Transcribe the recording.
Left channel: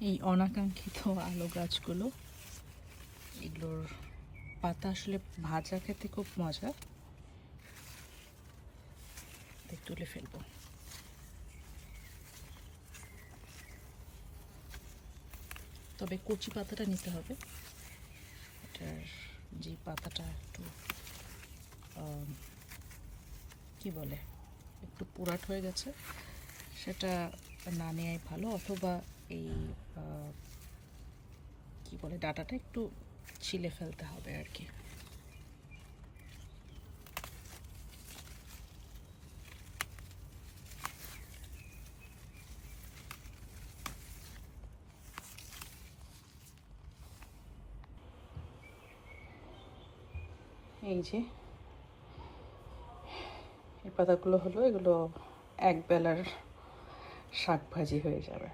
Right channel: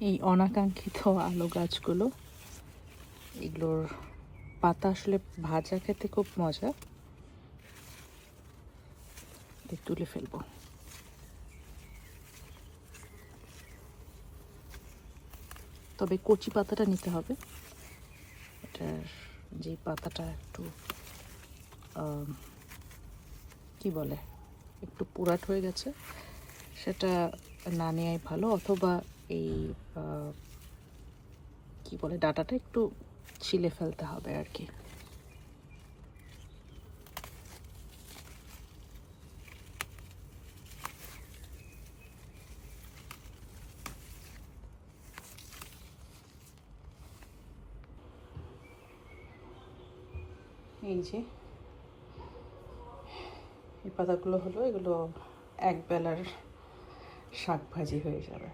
এই অনাকাঙ্ক্ষিত আলো গাছগুলো, এগুলোর পাতা আসলে ভাজা খেতে খুব মজা। তুলে ফেলব। তবে কচি পাতাটা নিতে হবে। এটার যে পাতাটা একটু কি বলে, একটু পুরাট হয়ে গেছে, সেটা না নেওয়াই ভালো। অথবা এই কি বলে, ডাটাটা একটু ছিলে ফেলতে হবে আর কি। এই যে, এই পাতাগুলো হলো এগুলো এক বেলার শাক ভাজি হয়ে যাবে।